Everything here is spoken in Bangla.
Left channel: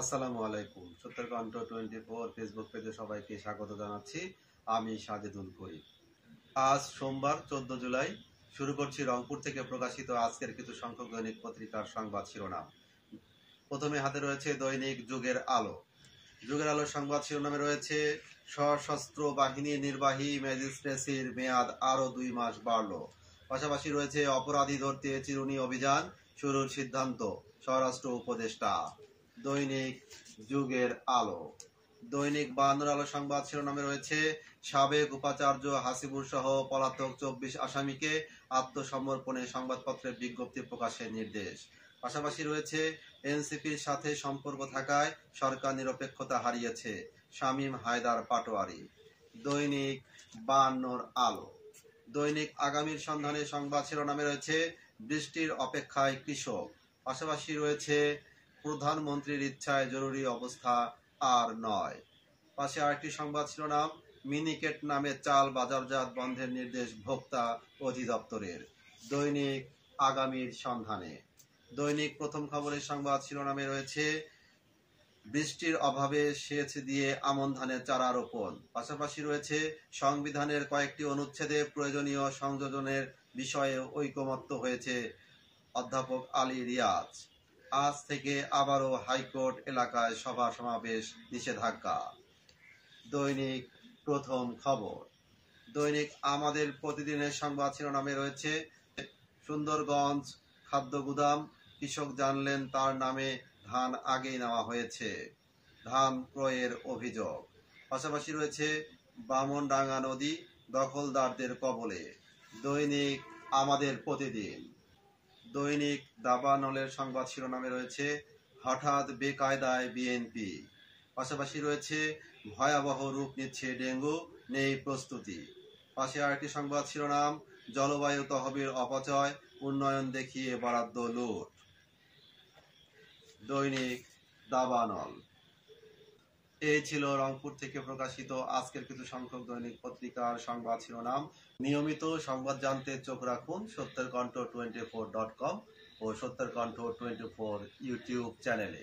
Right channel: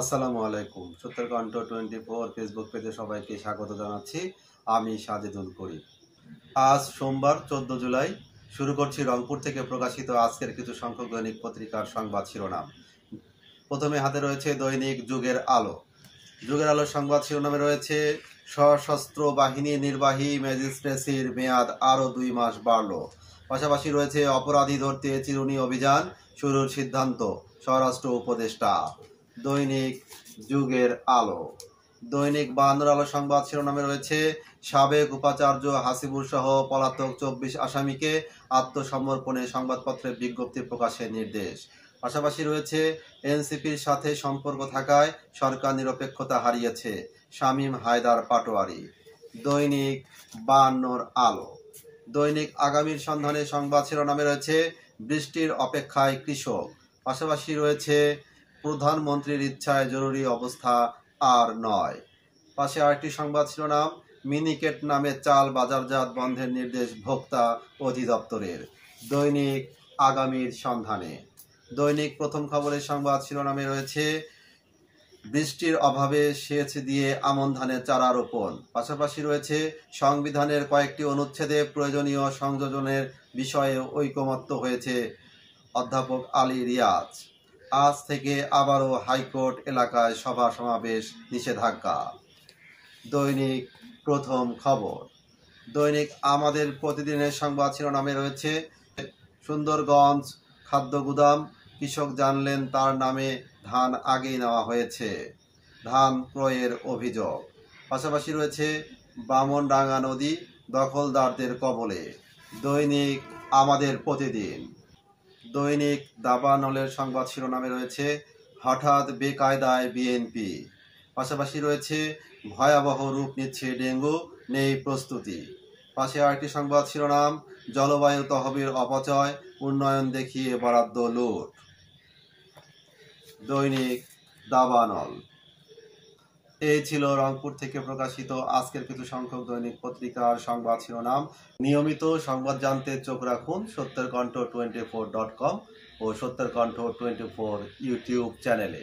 আসসালামু আলাইকুম। সত্যের কণ্ঠ 24 ফেসবুক পেজে সবাইকে স্বাগত জানাচ্ছি। আমি সাজেদুল করিম। আজ সোমবার 14 জুলাই শুরু করছি রংপুর থেকে প্রকাশিত আজকের কিছু সংখ্যক দৈনিক পত্রিকার সংবাদ শিরোনাম। প্রথমে হাতে রয়েছে দৈনিক যুগের আলো। যুগের আলো সংবাদ শিরোনামে রয়েছে সশস্ত্র বাহিনী নির্বাহী ম্যাজিস্ট্রেসির মেয়াদ আরও 2 মাস বাড়ল। পাশাপাশি রয়েছে অপরাধী ধরতে চিরুনি অভিযান শুরুর সিদ্ধান্ত স্বরাষ্ট্র উপদেষ্টা। দৈনিক যুগের আলো। দৈনিক বায়ান্নর আলো সংবাদ শিরোনামে রয়েছে সাবেক উপাচার্য হাসিবুর সহ পলাতক 24 আসামিকে আত্মসমর্পণে সংবাদপত্রে বিজ্ঞপ্তি প্রকাশের নির্দেশ। পাশাপাশি রয়েছে এনসিপির সাথে সম্পর্ক থাকায় সরকার নিরপেক্ষতা হারিয়েছে শামীম হায়দার পাটোয়ারি। দৈনিক বায়ান্নর আলো। দৈনিক আগামীর সন্ধানে সংবাদ শিরোনামে রয়েছে বৃষ্টির অপেক্ষায় কৃষক। পাশাপাশি রয়েছে প্রধানমন্ত্রীর ইচ্ছায় জরুরি অবস্থা আর নয়। পাশে আরেকটি সংবাদ শিরোনাম মিনিকেট নামে চাল বাজারজাত বন্ধের নির্দেশ ভোক্তা অধিদপ্তরের। দৈনিক আগামীর সন্ধানে। দৈনিক প্রথম খবরের সংবাদ শিরোনামে রয়েছে বৃষ্টির অভাবে সেচ দিয়ে আমন ধানের চারা রোপণ। পাশাপাশি রয়েছে সংবিধানের কয়েকটি অনুচ্ছেদে প্রয়োজনীয় সংযোজনের বিষয়ে ঐকমত্য হয়েছে অধ্যাপক আলী রিয়াজ। আজ থেকে আবারও হাইকোর্ট এলাকায় সভা সমাবেশ নিষেধাজ্ঞা। দৈনিক প্রথম খবর। দৈনিক আমাদের প্রতিদিনের সংবাদ শিরোনামে রয়েছে সুন্দরগঞ্জ খাদ্য গুদাম, কৃষক জানলেন তার নামে ধান আগেই নেওয়া হয়েছে, ধান ক্রয়ের অভিযোগ। পাশাপাশি রয়েছে বামনডাঙ্গা নদী দখলদারদের কবলে। দৈনিক আমাদের প্রতিদিন। দৈনিক দাবানলের সংবাদ শিরোনামে রয়েছে হঠাৎ বেকায়দায় বিএনপি। পাশাপাশি রয়েছে ভয়াবহ রূপ নিচ্ছে ডেঙ্গু, নেই প্রস্তুতি। পাশে আরেকটি সংবাদ শিরোনাম জলবায়ু তহবিল অপচয়, উন্নয়ন দেখিয়ে বরাদ্দ লুট। দৈনিক দাবানল। এই ছিল রংপুর থেকে প্রকাশিত আজকের কিছু সংখ্যক দৈনিক পত্রিকার সংবাদ শিরোনাম। নিয়মিত সংবাদ জানতে চোখ রাখুন সত্যের কণ্ঠ 24.com ও সত্যের কণ্ঠ 24 ইউটিউব চ্যানেলে।